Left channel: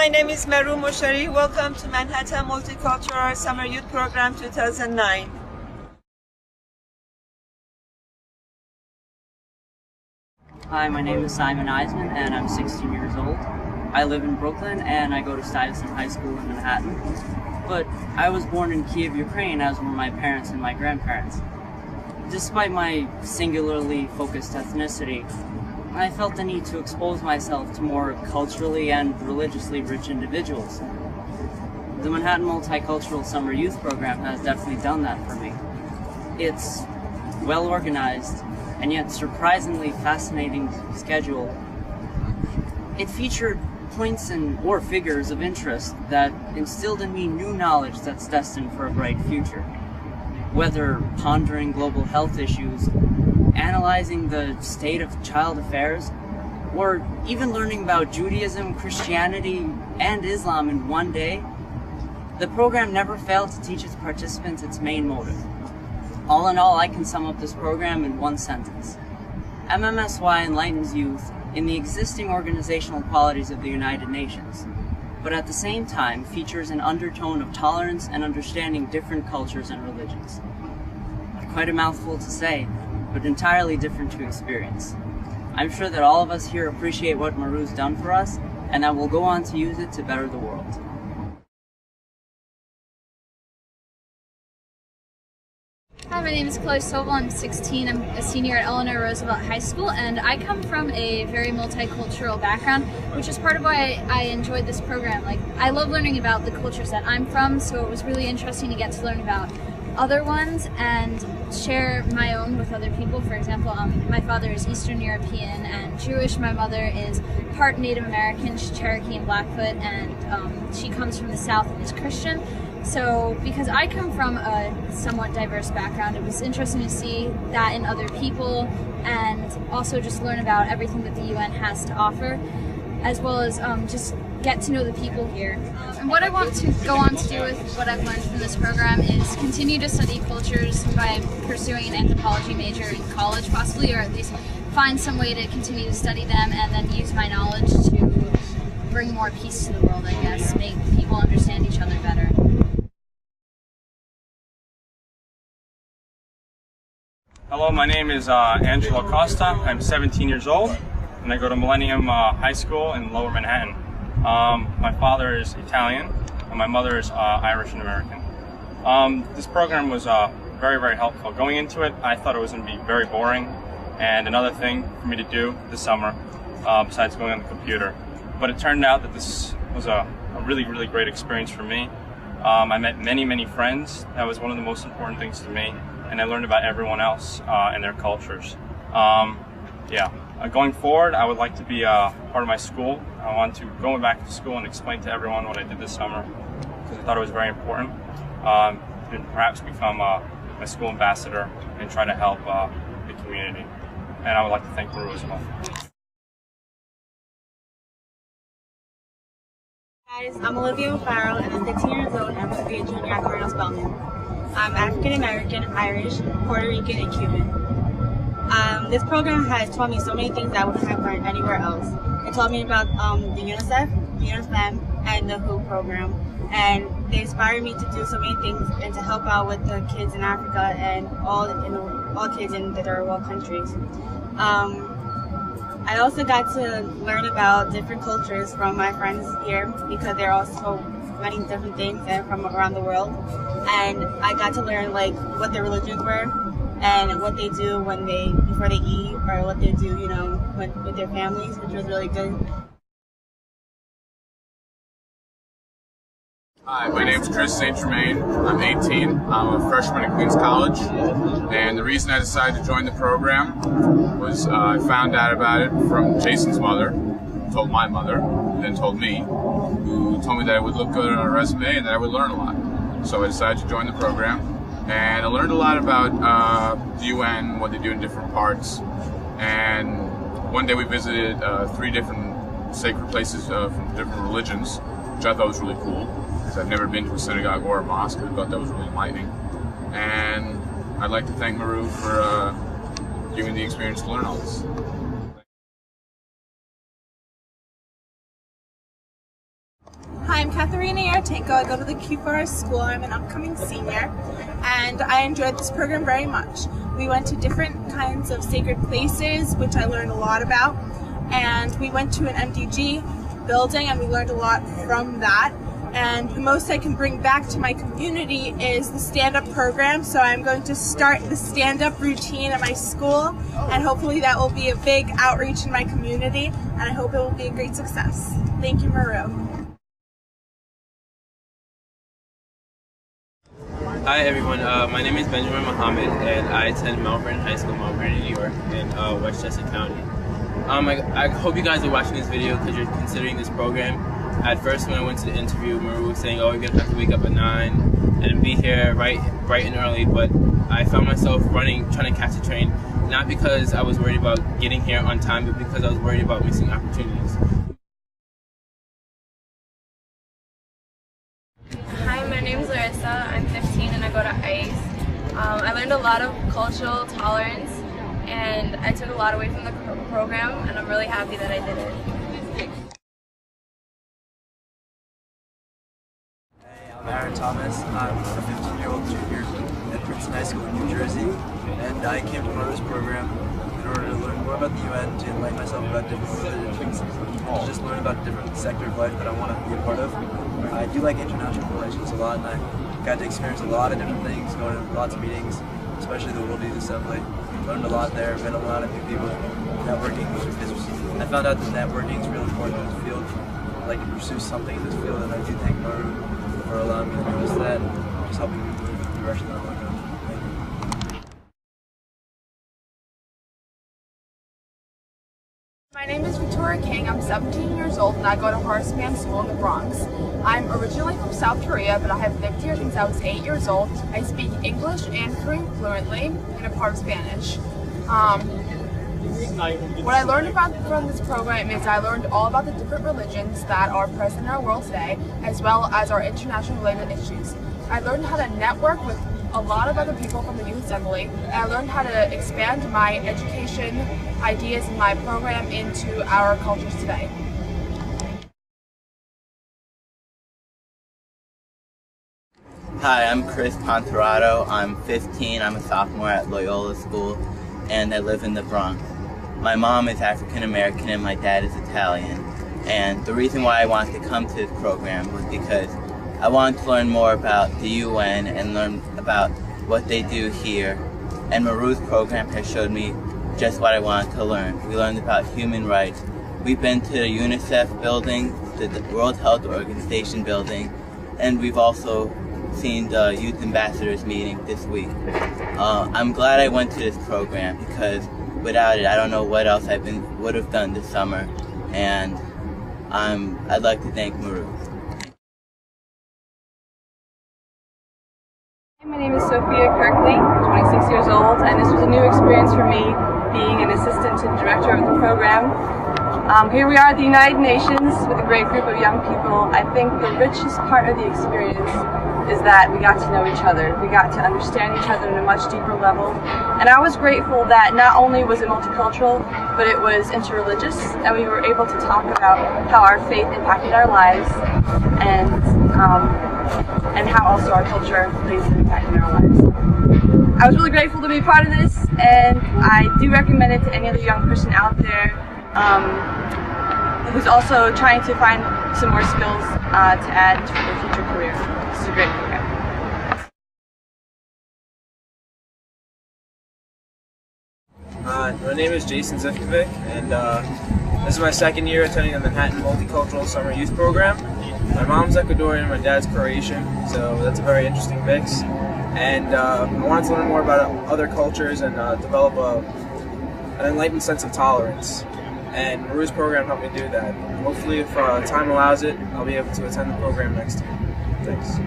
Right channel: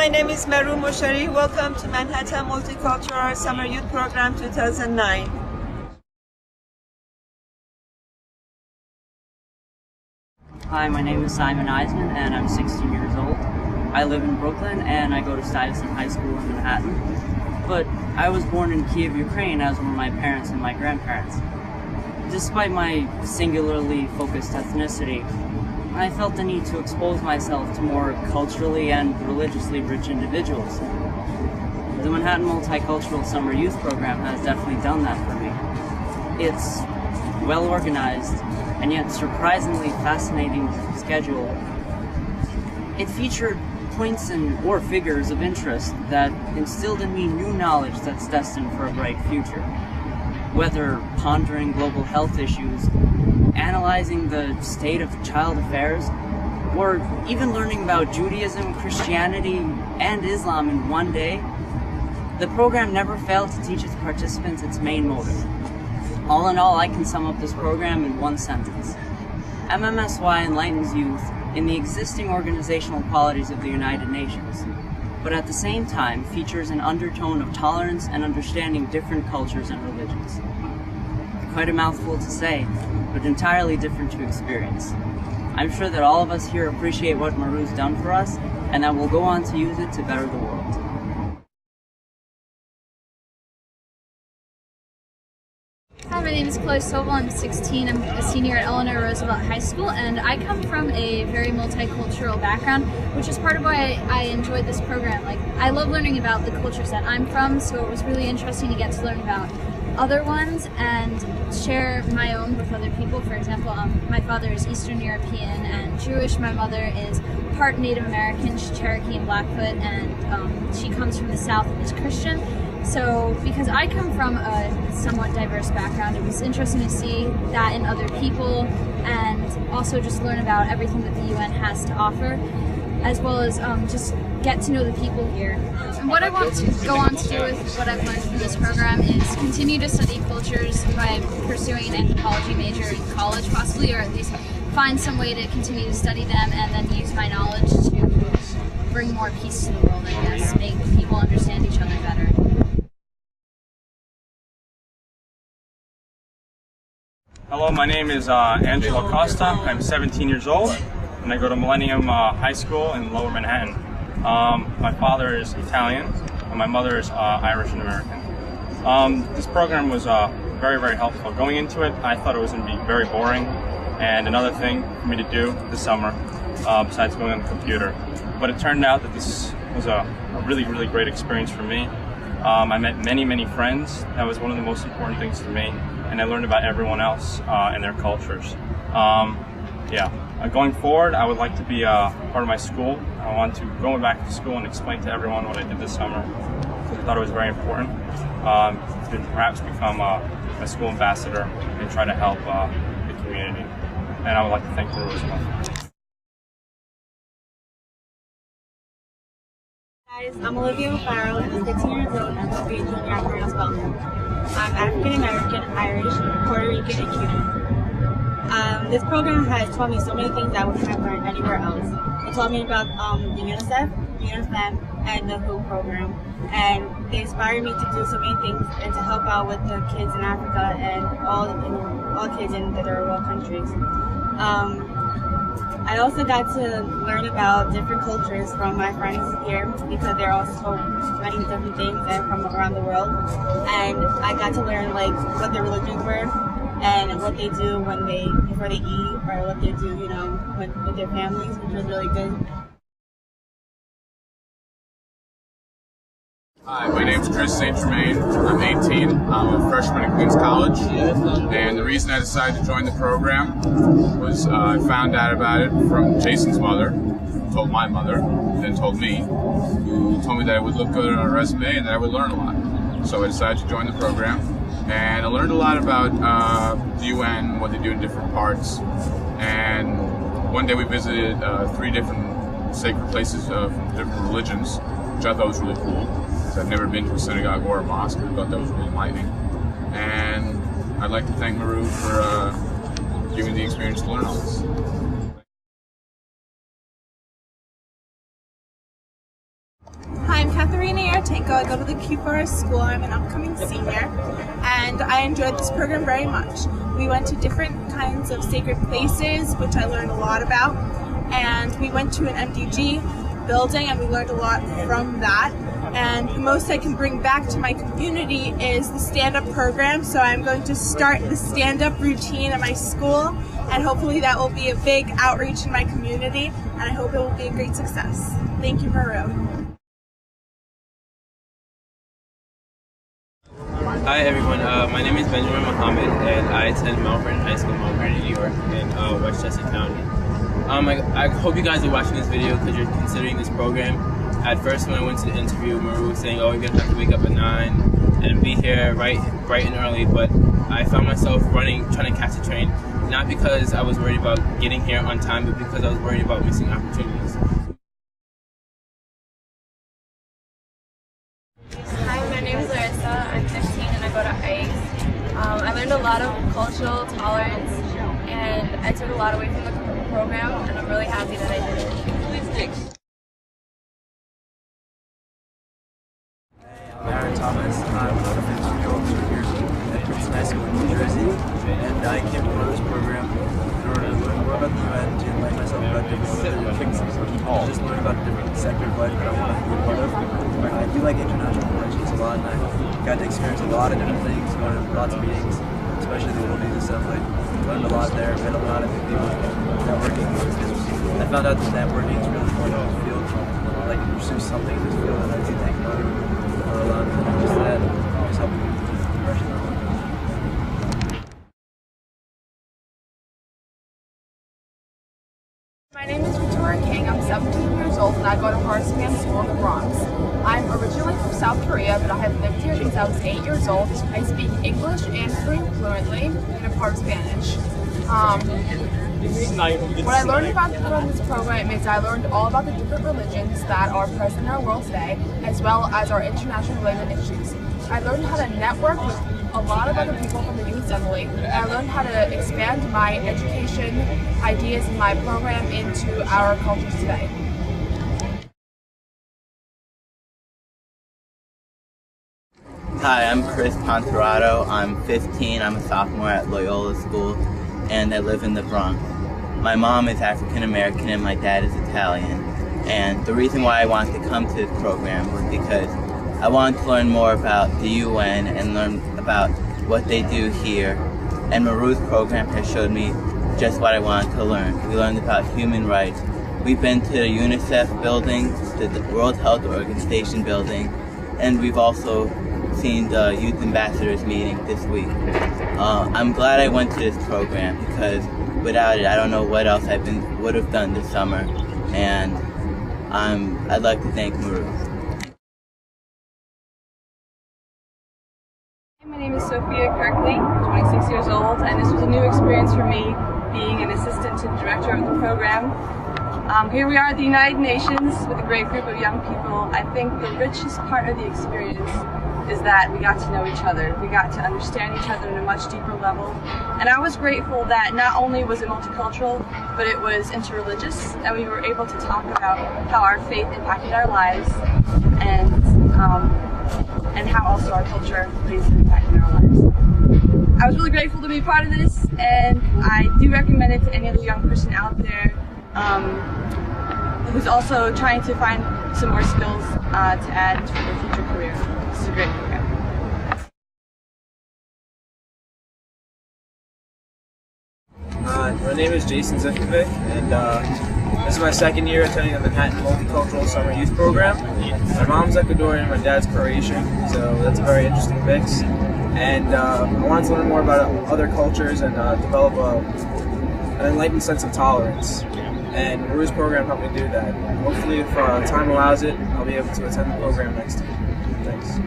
my name is Meru Moshari. Welcome to Manhattan Multicultural Summer Youth Program 2009. Hi, my name is Simon Eisman and I'm 16 years old. I live in Brooklyn and I go to Stuyvesant High School in Manhattan. But I was born in Kiev, Ukraine, as were my parents and my grandparents. Despite my singularly focused ethnicity, I felt the need to expose myself to more culturally and religiously rich individuals. The Manhattan Multicultural Summer Youth Program has definitely done that for me. It's well organized and yet surprisingly fascinating schedule. It featured points or figures of interest that instilled in me new knowledge that's destined for a bright future. Whether pondering global health issues, analyzing the state of child affairs, or even learning about Judaism, Christianity, and Islam in one day, the program never failed to teach its participants its main motive. All in all, I can sum up this program in one sentence. MMSY enlightens youth in the existing organizational qualities of the United Nations, but at the same time features an undertone of tolerance and understanding different cultures and religions. Quite a mouthful to say, but entirely different to experience. I'm sure that all of us here appreciate what Meru's done for us, and that we'll go on to use it to better the world. Hi, my name is Chloe Sobel. I'm 16. I'm a senior at Eleanor Roosevelt High School, and I come from a very multicultural background, which is part of why I enjoyed this program. I love learning about the cultures that I'm from, so it was really interesting to get to learn about other ones and share my own with other people. For example, my father is Eastern European and Jewish. My mother is part Native American. She's Cherokee and Blackfoot, and she comes from the South and is Christian. So because I come from a somewhat diverse background, it was interesting to see that in other people and also just learn about everything that the UN has to offer, as well as just get to know the people here. And what I want to go on to do with what I've learned from this program is continue to study cultures by pursuing an anthropology major in college possibly, or at least find some way to continue to study them and then use my knowledge to bring more peace to the world, I guess, make people understand each other better. Hello, my name is Angelo Costa. I'm 17 years old and I go to Millennium High School in Lower Manhattan. My father is Italian and my mother is Irish and American. This program was very, very helpful. Going into it, I thought it was going to be very boring and another thing for me to do this summer besides going on the computer. But it turned out that this was a really, really great experience for me. I met many, many friends. That was one of the most important things to me. And I learned about everyone else and their cultures. Going forward, I would like to be part of my school. I want to go back to school and explain to everyone what I did this summer because I thought it was very important to perhaps become a school ambassador and try to help the community. And I would like to thank Meru as well. Guys, I'm Olivia O'Farrell and I'm 15 years old and I'm going to be a junior at Cornell Spelman. I'm African American, Irish, Puerto Rican, and Cuban. This program has taught me so many things I wouldn't have learned anywhere else. It taught me about the UNICEF, UNIFEM, and the WHO program. And they inspired me to do so many things and to help out with the kids in Africa and all kids in the third world countries. I also got to learn about different cultures from my friends here because there are so many different things and from around the world. And I got to learn what their religions were and what they do before they eat, or what they do, with their families, which was really good. Hi, my name's Chris St. Germain. I'm 18. I'm a freshman at Queens College. And the reason I decided to join the program was I found out about it from Jason's mother, who told my mother, then told me, who told me that it would look good on a resume and that I would learn a lot. So I decided to join the program. And I learned a lot about the UN, what they do in different parts. And one day we visited 3 different sacred places from different religions, which I thought was really cool. I've never been to a synagogue or a mosque, and I thought that was really enlightening. And I'd like to thank Meru for giving me the experience to learn all this. I'm Katharina Yartenko. I go to the Q Forest School. I'm an upcoming senior, and I enjoyed this program very much. We went to different kinds of sacred places, which I learned a lot about, and we went to an MDG building, and we learned a lot from that. And the most I can bring back to my community is the stand-up program. So I'm going to start the stand-up routine at my school, and hopefully that will be a big outreach in my community, and I hope it will be a great success. Thank you, Maru. Hi everyone, my name is Benjamin Muhammad and I attend Melbourne High School, Melbourne, New York in Westchester County. I hope you guys are watching this video because you're considering this program. At first when I went to the interview, Maru was saying, oh, you're going to have to wake up at 9 and be here bright and early, but I found myself running, trying to catch a train, not because I was worried about getting here on time, but because I was worried about missing opportunities. Hi, my name is Larissa. I'm 15 and I go to ICE. I learned a lot of cultural tolerance and I took a lot away from the program, and I'm really happy that I did it. I'm Aaron Thomas. I'm a 15-year-old junior at Princeton High School in New Jersey, and I came to this program in order to learn more about the UN, to enlighten myself about different religions, to just learn about different sector of life that I want to be a part of. I do like international relations a lot, and I got to experience a lot of different things, going to lots of meetings, especially the World Youth Assembly. Learned a lot there, met a lot of new people. Networking, I found out that networking is really important in this field. I'd like to pursue something in this field, and I do thank Maru for allowing me to use that, just helping me in the direction that I want to go. My name is Victoria King. I'm 17 years old and I go to Horace Mann School in the Bronx. I'm originally from South Korea, but I have lived here since I was 8 years old. I speak English and Korean fluently and a part of Spanish. What I learned from this program is I learned all about the different religions that are present in our world today, as well as our international related issues. I learned how to network with a lot of other people from the Youth Assembly, and I learned how to expand my education ideas in my program into our cultures today. Hi, I'm Chris Ponterato. I'm 15. I'm a sophomore at Loyola School, and I live in the Bronx. My mom is African American and my dad is Italian. And the reason why I wanted to come to this program was because I wanted to learn more about the UN and learn about what they do here. And Maru's program has showed me just what I wanted to learn. We learned about human rights. We've been to the UNICEF building, to the World Health Organization building, and we've also seen the Youth Ambassadors meeting this week. I'm glad I went to this program because without it, I don't know what else I would have done this summer, and I'd like to thank Maru. My name is Sophia Kirkley, 26 years old, and this was a new experience for me, being an assistant to the director of the program. Here we are at the United Nations with a great group of young people. I think the richest part of the experience is that we got to know each other. We got to understand each other on a much deeper level. And I was grateful that not only was it multicultural, but it was interreligious, and we were able to talk about how our faith impacted our lives and how also our culture plays an impact in our lives. I was really grateful to be part of this, and I do recommend it to any other young person out there who's also trying to find some more skills to add to their future career. It's a great program. My name is Jason Zivkovic, and this is my second year attending the Manhattan Multicultural Summer Youth Program. My mom's Ecuadorian, my dad's Croatian, so that's a very interesting mix. And I wanted to learn more about other cultures and develop an enlightened sense of tolerance. And Maru's program helped me do that. Hopefully, if time allows it, I'll be able to attend the program next year. Thanks.